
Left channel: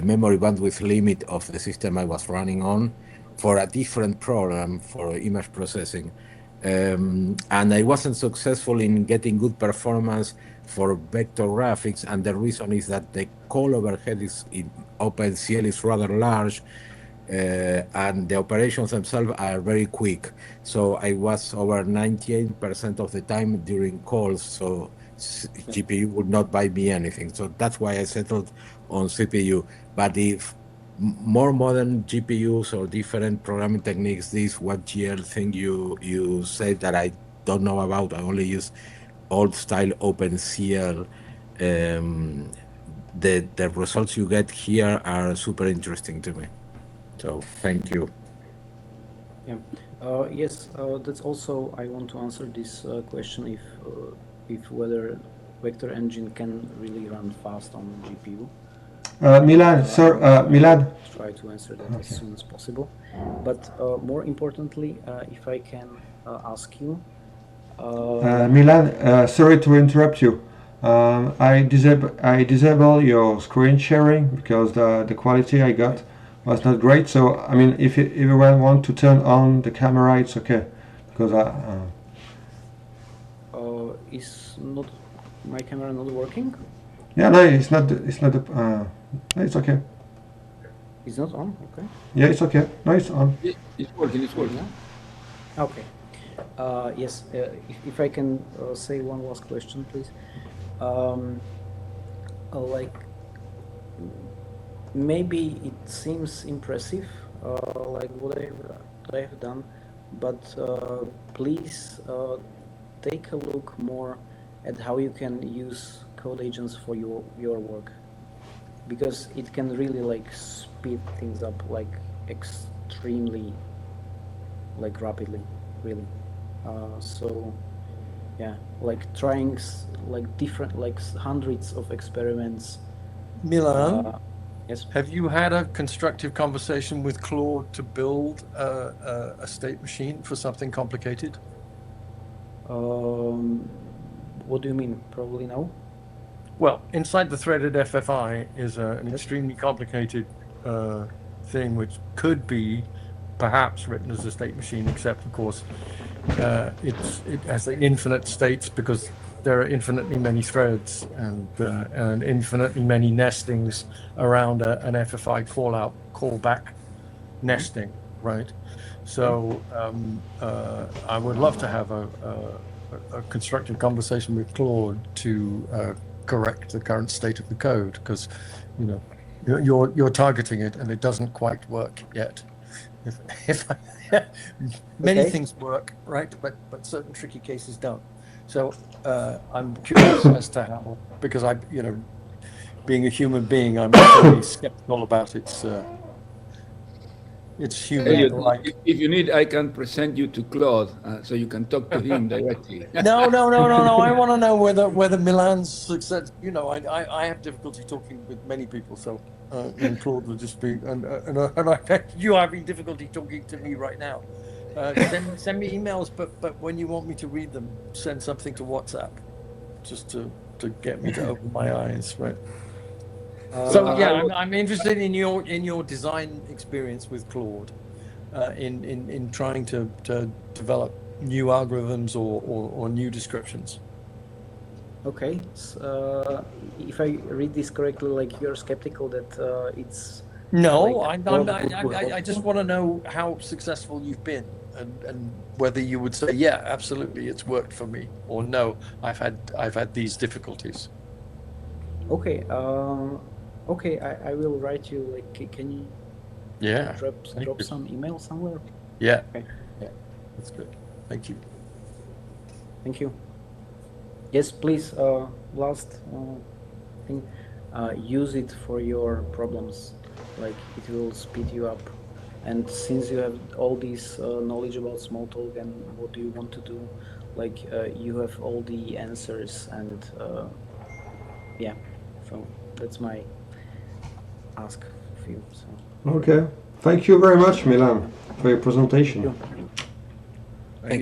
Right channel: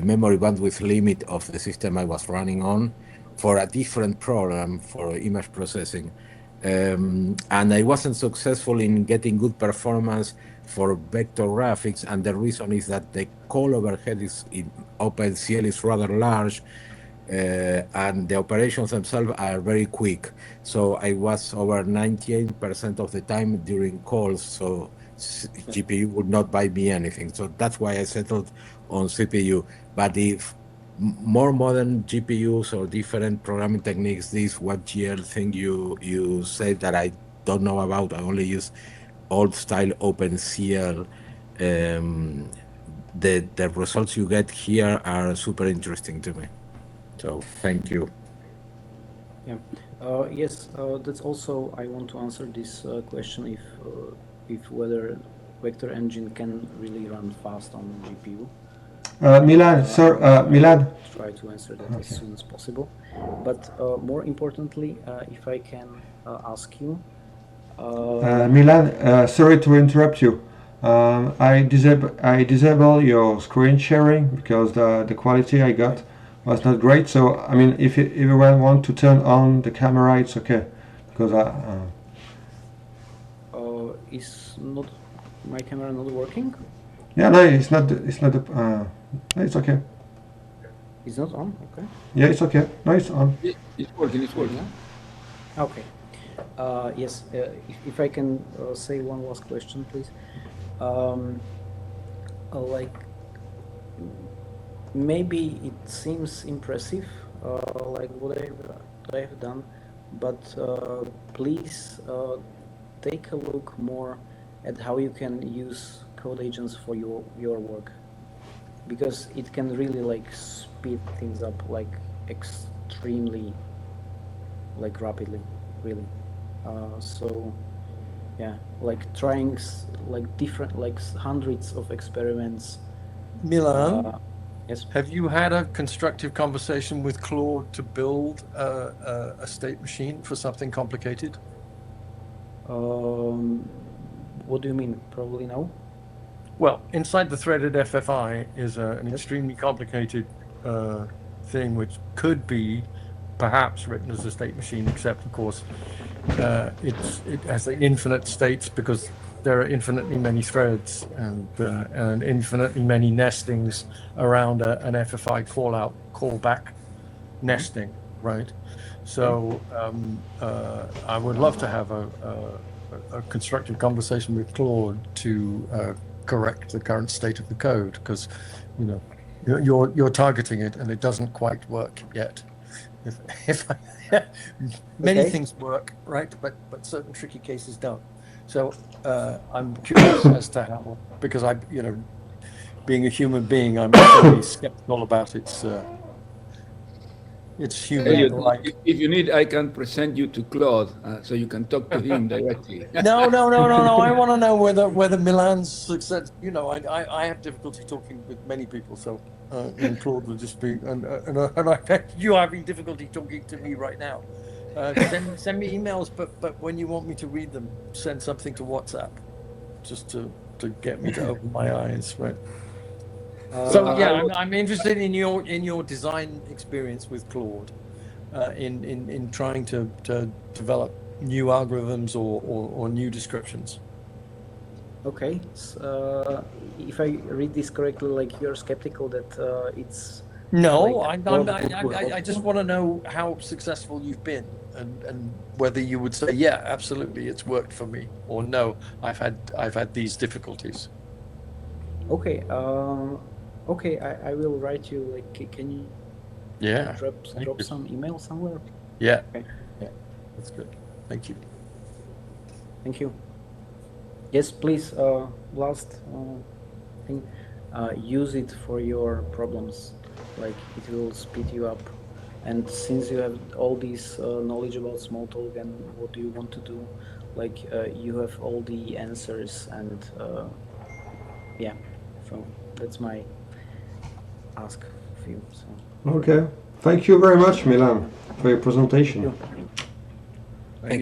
memory bandwidth limit of the system I was running on, for a different program for image processing. And I wasn't successful in getting good performance for vector graphics, and the reason is that the call overhead in OpenCL is rather large, and the operations themselves are very quick. So I was over 98% of the time during calls, so GPU would not buy me anything. So that's why I settled on CPU. But if more modern GPUs or different programming techniques, this 1GL thing you say that I don't know about, I only use old style OpenCL. The results you get here are super interesting to me. So thank you. Yeah. Yes. That's also I want to answer this question if whether vector engine can really run fast on GPU. Milan, sir, Milan. Try to answer that as soon as possible. But more importantly, if I can ask you, Milan, sorry to interrupt you. I disable your screen sharing because the quality I got was not great. So I mean, if everyone want to turn on the camera, it's okay. Because is not my camera not working? yeah, no, it's not. It's not. It's okay. It's not on. Okay. Yeah, it's okay. No, it's on. It's working. Okay. Yes. If I can say one last question, please. Like maybe it seems impressive, like what I've done, but please take a look more at how you can use code agents for your work, because it can really like speed things up like extremely like rapidly, really. So yeah, like trying like different like hundreds of experiments. Milan, Yes. Have you had a constructive conversation with Claude to build a state machine for something complicated? What do you mean? Probably no. Well, inside the threaded FFI is an extremely complicated thing which could be perhaps written as a state machine, except of course it has infinite states because there are infinitely many threads and infinitely many nestings around an FFI callback nesting, right? So I would love to have a constructive conversation with Claude to correct the current state of the code, because you know you're targeting it and it doesn't quite work yet. If many Okay. things work, right, but certain tricky cases don't. So I'm curious as to how, because I, being a human being, I'm really skeptical about its Elliot, human-like. if you need, I can present you to Claude so you can talk to him directly. No. I want to know whether Milan's success. I have difficulty talking with many people, so and Claude will just be and I bet you having difficulty talking to me right now. Send me emails, but when you want me to read them, send something to WhatsApp, just to get me to open my eyes, right? So yeah, I'm interested in your design experience with Claude, in trying to develop new algorithms or new descriptions. Okay. If I read this correctly, like you're skeptical that it's No, like, I just want to know how successful you've been, and whether you would say, yeah, absolutely, it's worked for me, or no, I've had these difficulties. Okay. Okay. I will write you. Like, can you Yeah. drop some email somewhere? Yeah. Okay. Yeah. That's good. Thank you. Thank you. Yes, please. Last thing. Use it for your problems. Like, it will speed you up. And since you have all this knowledge about Smalltalk and what do you want to do, like you have all the answers, and yeah. So that's my ask for you. So. Okay. Thank you very much, Milan, for your presentation. Thank you.